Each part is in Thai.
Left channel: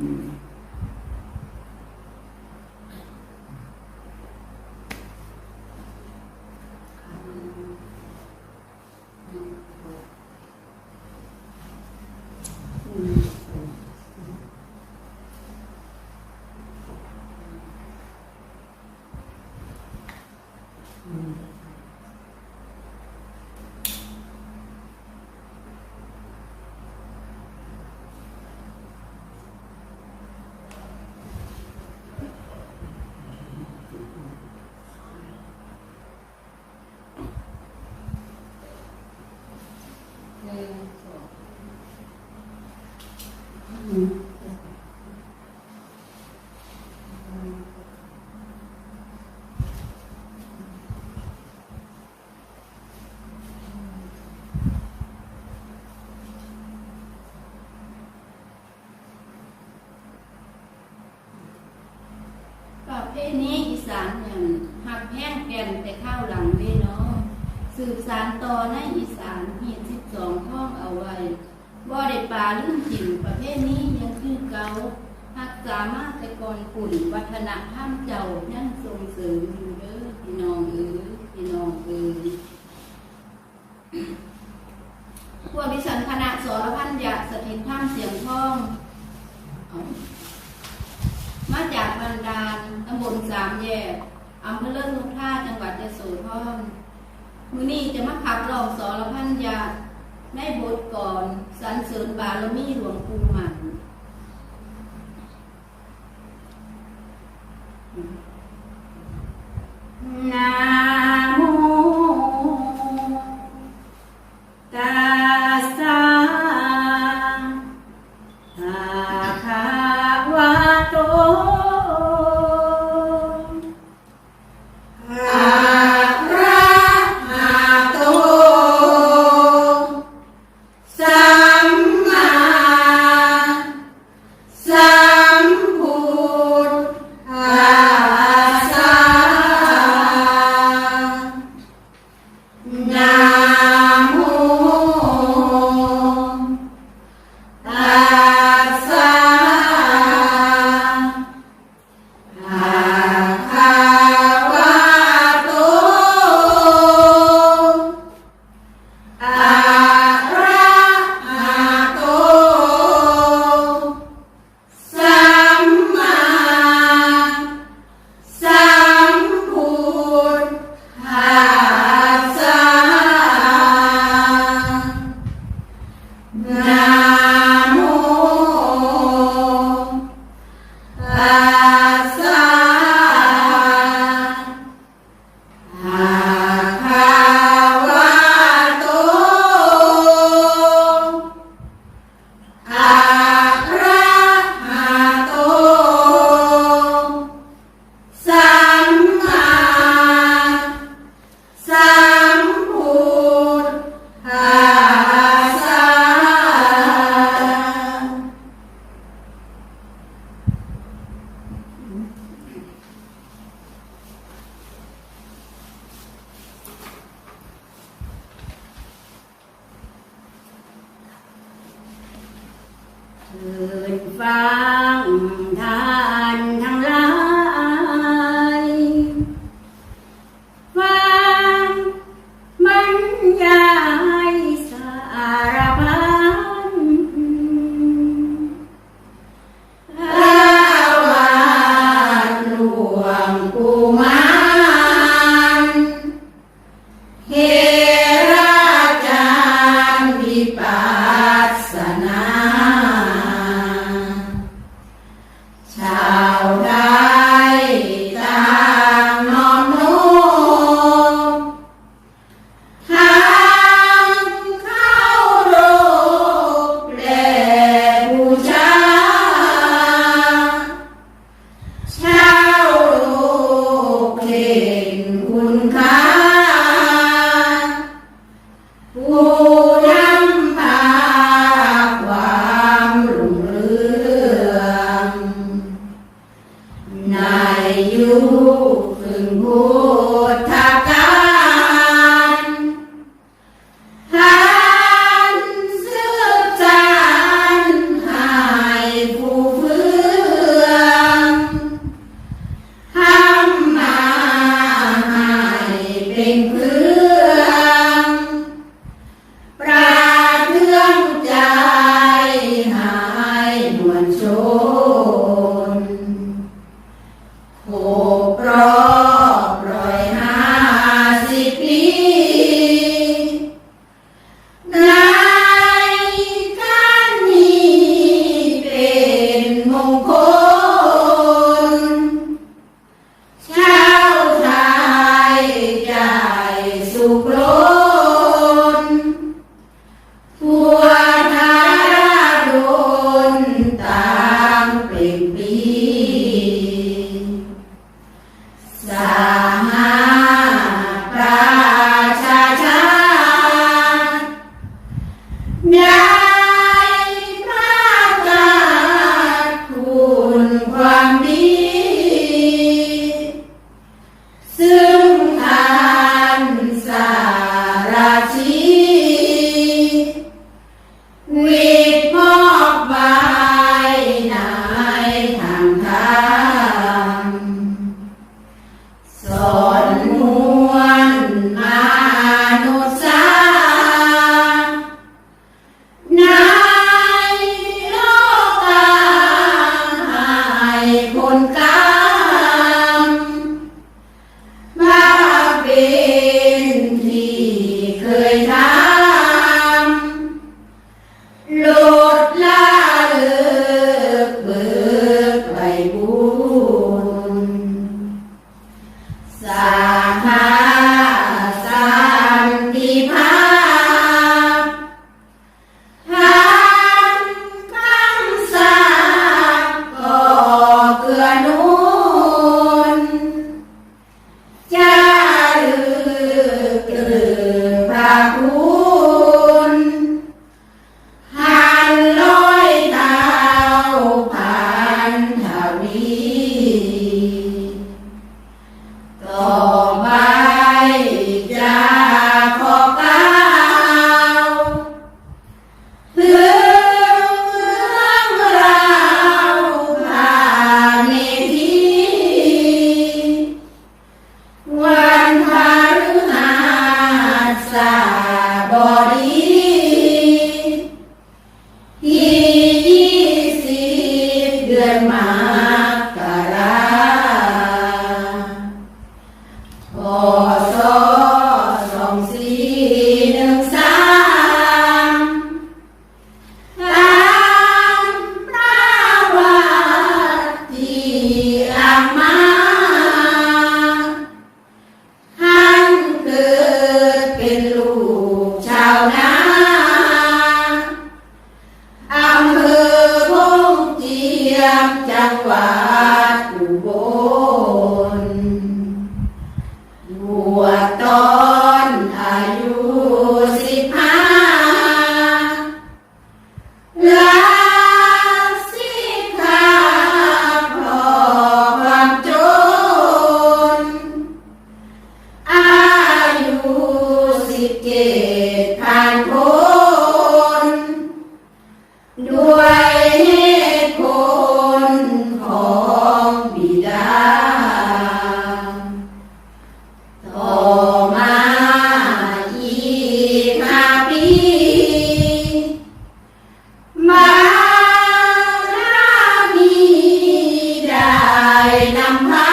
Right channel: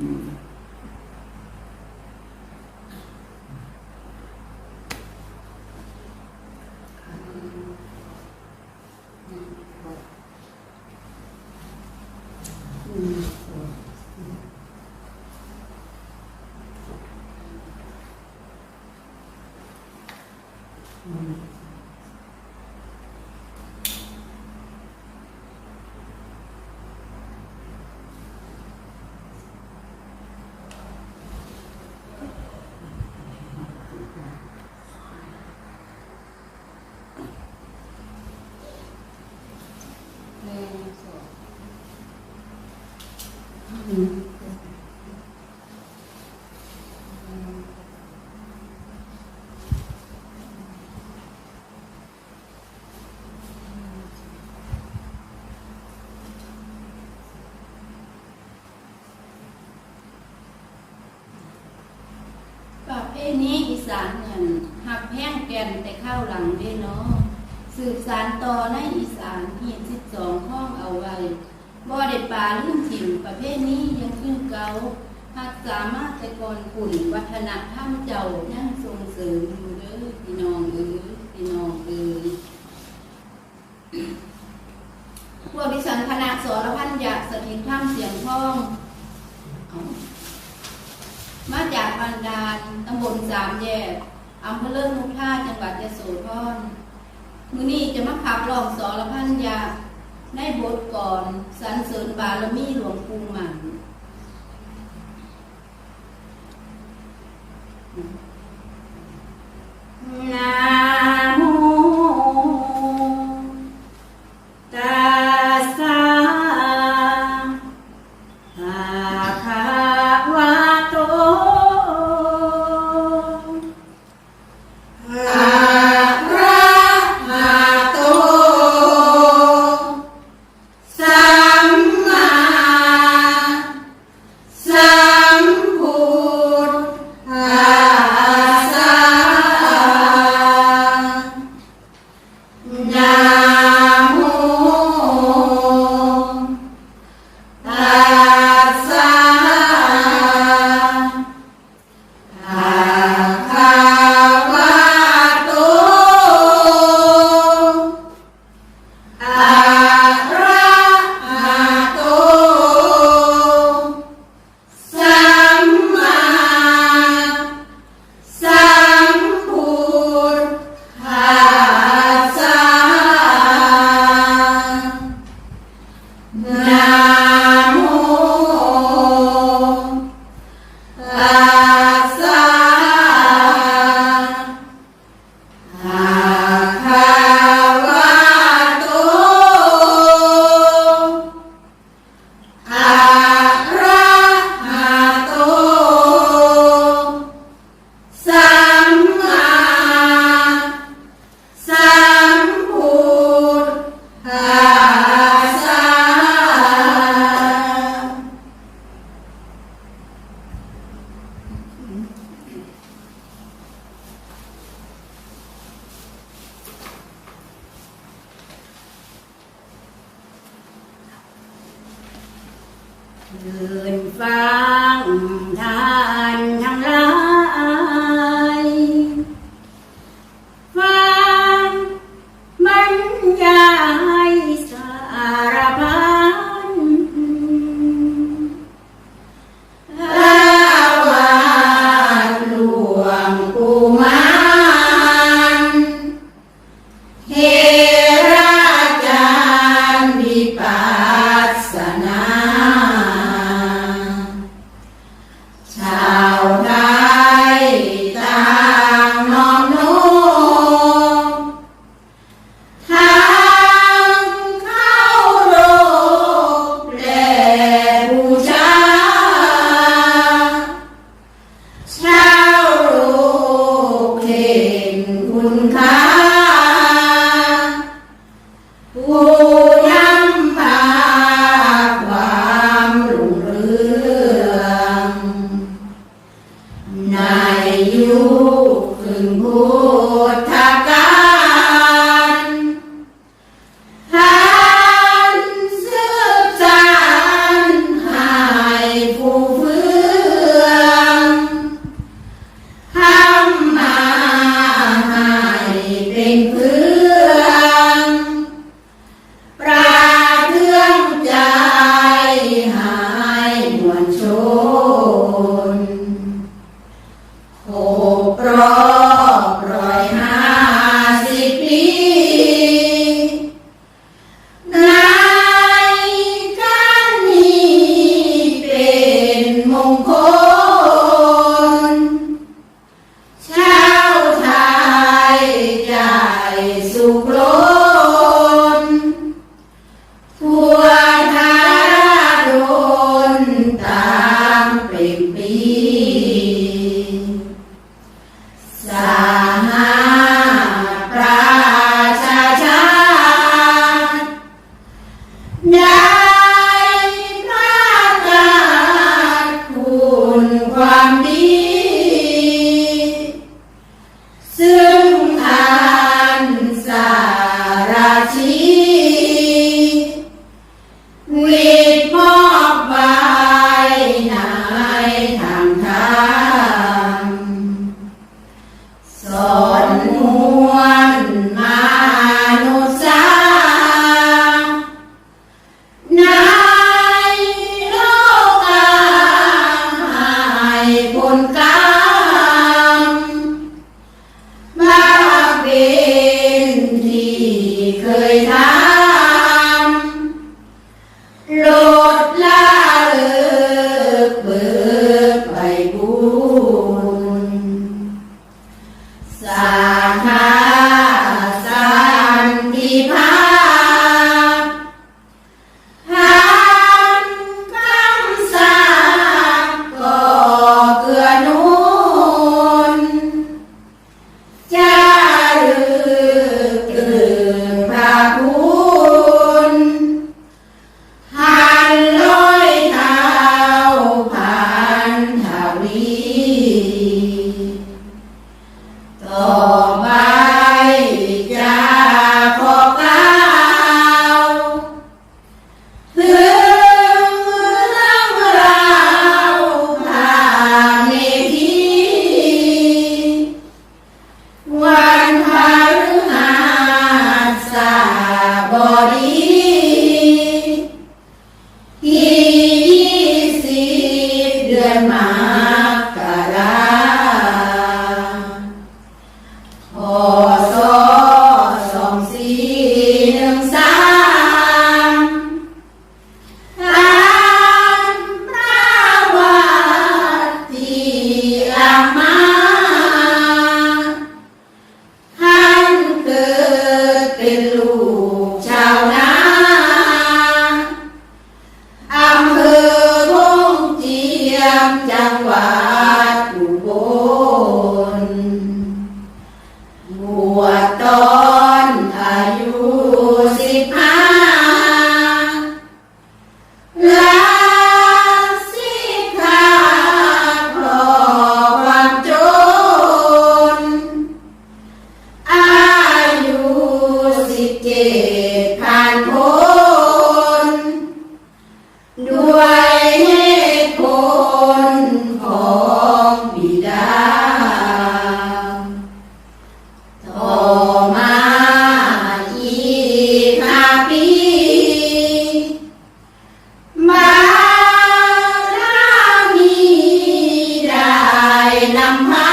อืมอืมอืม หนึ่งสอง อืม ประ เภทนี้อีสานเนี่ยหักแห้งแก่นแต่ข้าวหลังเด้เนาะสืบสารต่อในอีสานหีดสิบสองข้องเอาไว้บ่ได้ปลาลืมถิ่นประเภทนี้ยังคือเกาหักสามารถแต่ก่อนปุ่นวัฒนธรรมเจ้ายังส่งเสริมอยู่เด้อพี่น้องเอ้ยพี่น้องเอ้ยพวกดิฉันคณะสรพันยาสถิตถ้ำเสียงทองเอา มาจากบันดาลตำบลสามแยกอำเภอเลิศนุท่าจังหวัดยโสธรมือนี้จะมาขับร้องสรพันยาในบทก่อนสรรเสริญบารมีหลวงปู่หมันน คืนฟังทานทั้งหลาย Buku. 关闭。 어... นำพา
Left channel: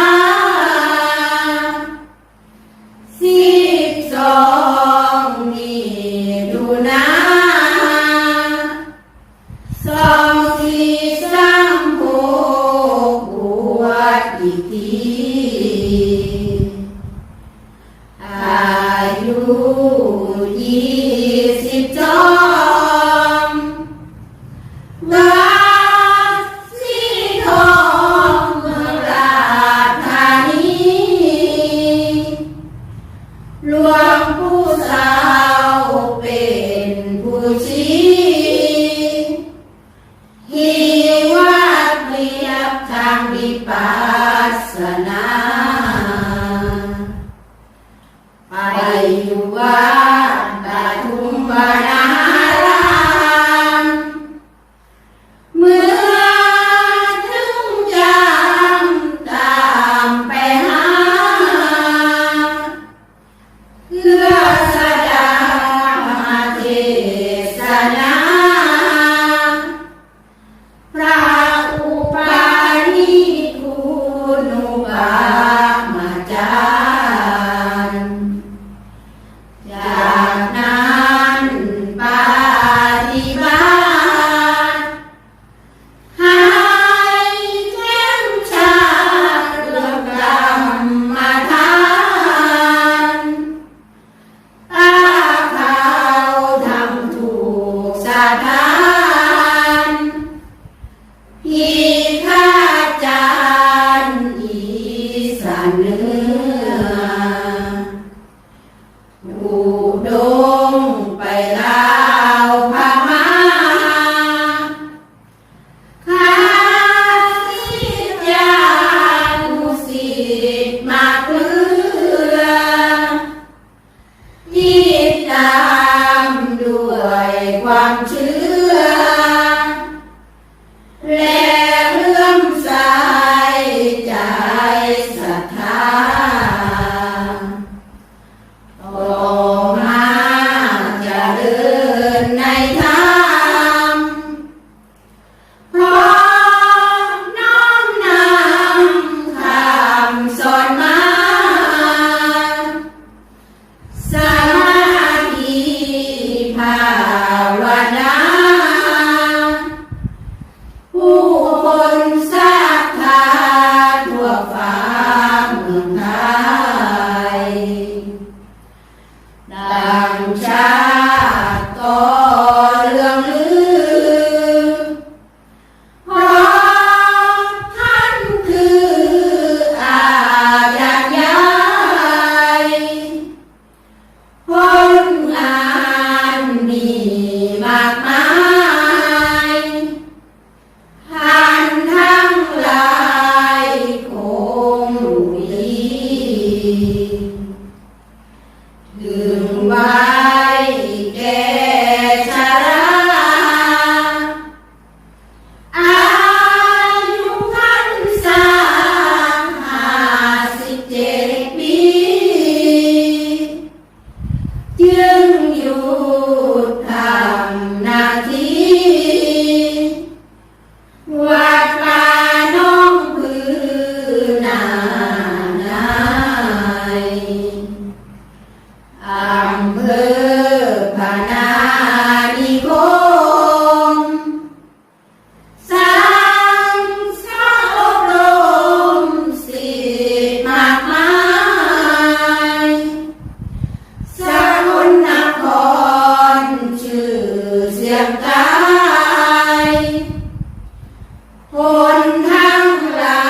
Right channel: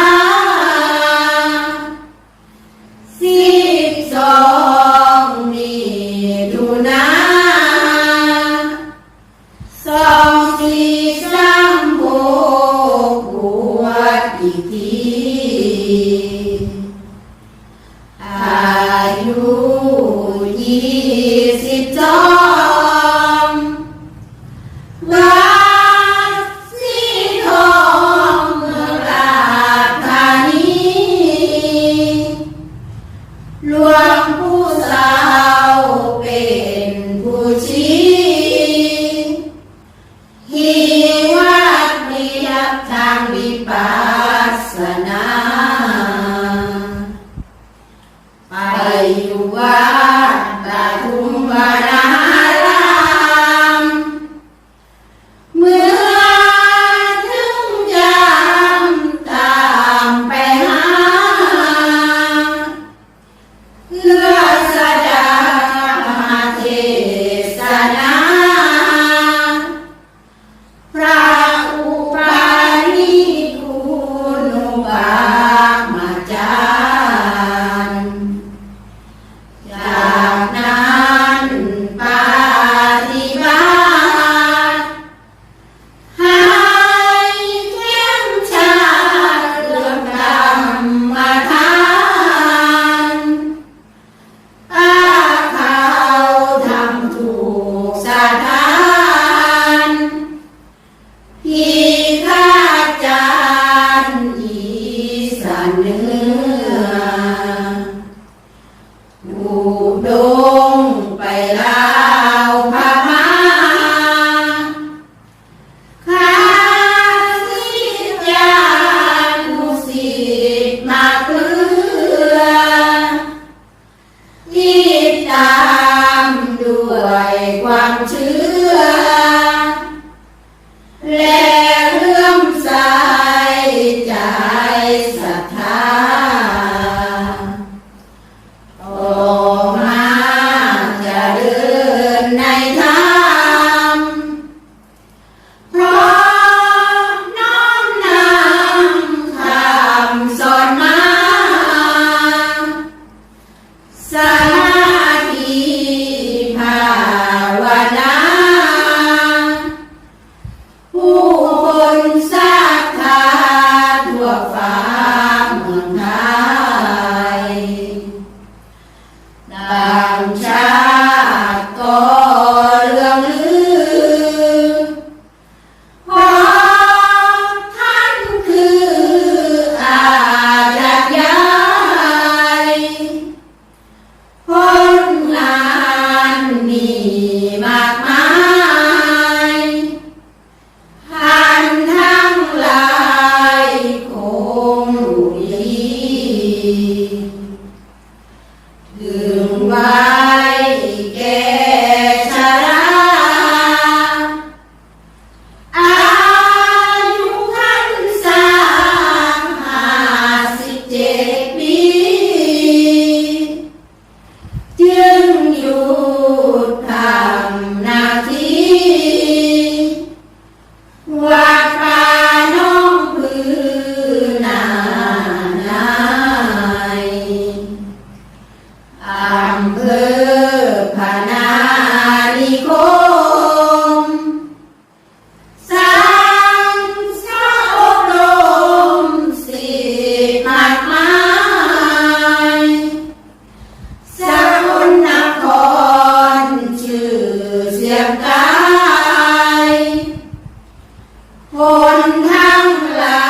ทั้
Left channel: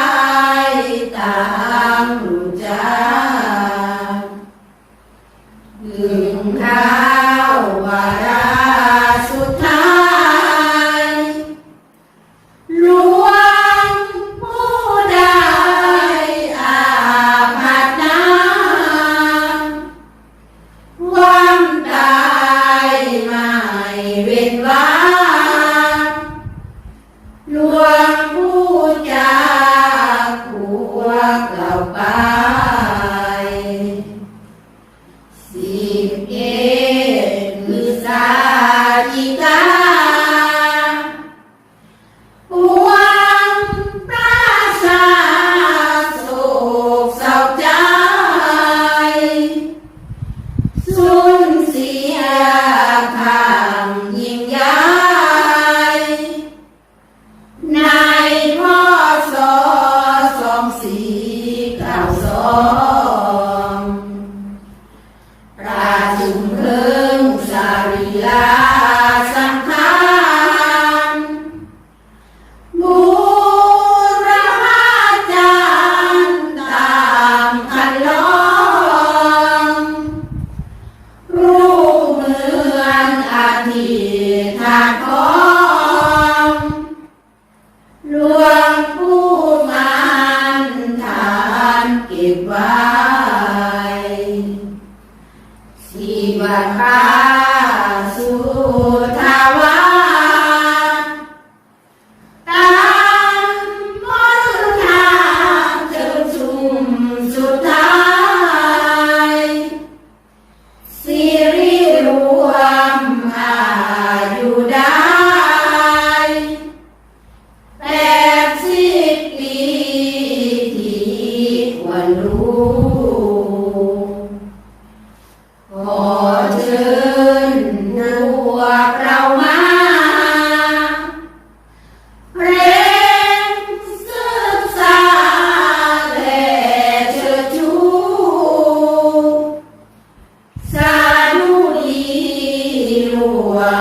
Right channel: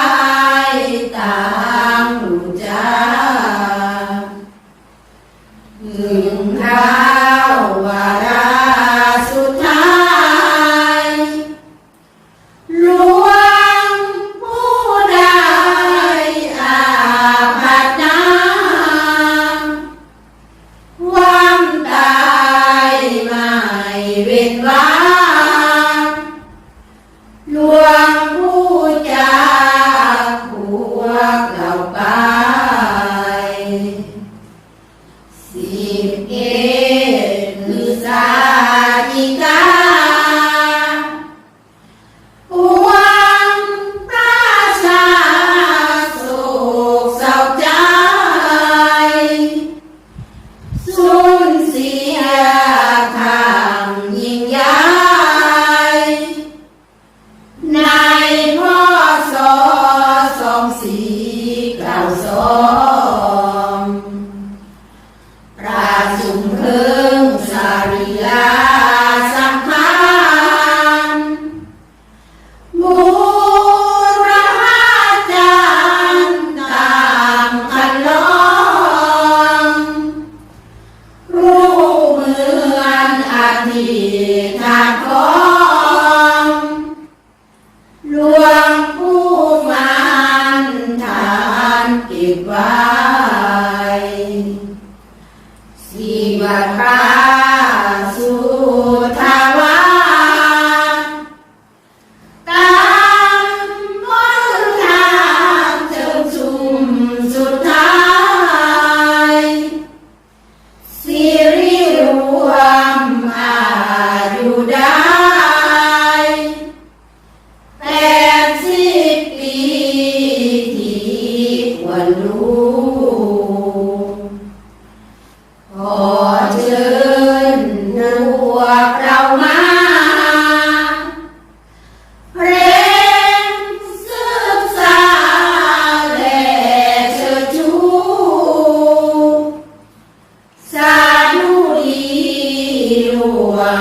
สิ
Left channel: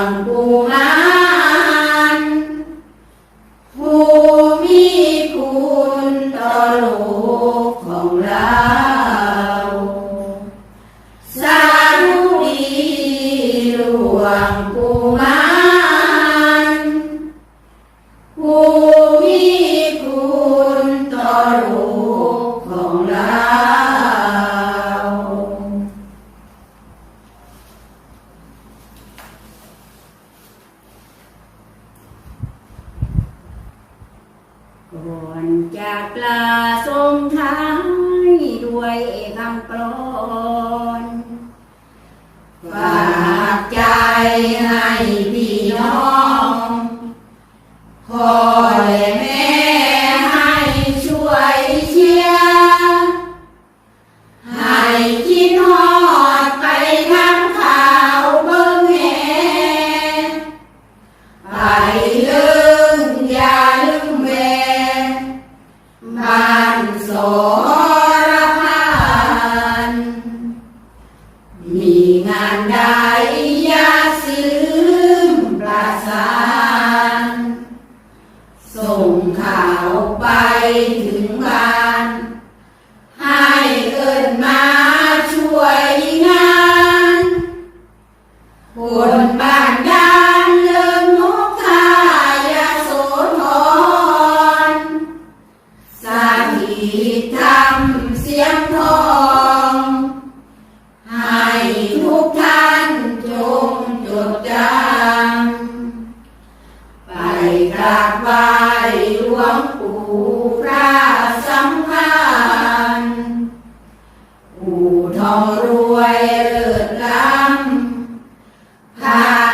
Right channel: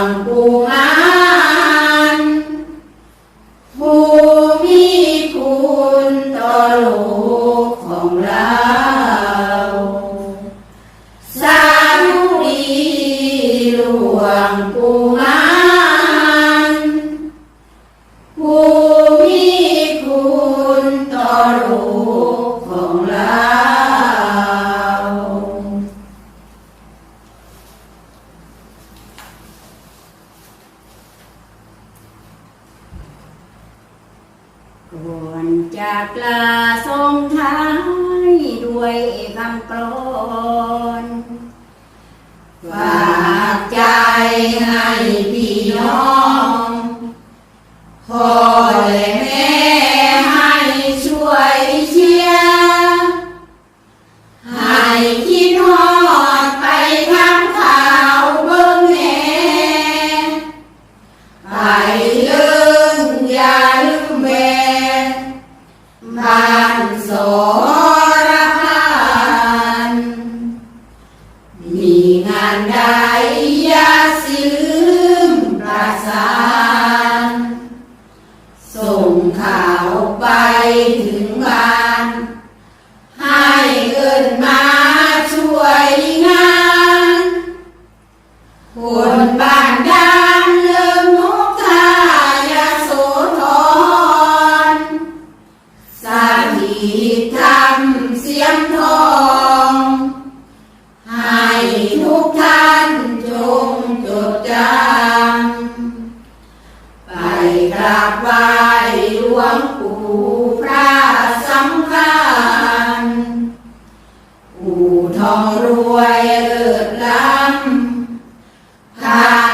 ังผู้า กาทรงท้ายด้วยคำกลอนฝากใจให้พี่น้องขอานใดยา หลวงปู่พระสำคัญปู่ทองรวยเลิศล้ำพา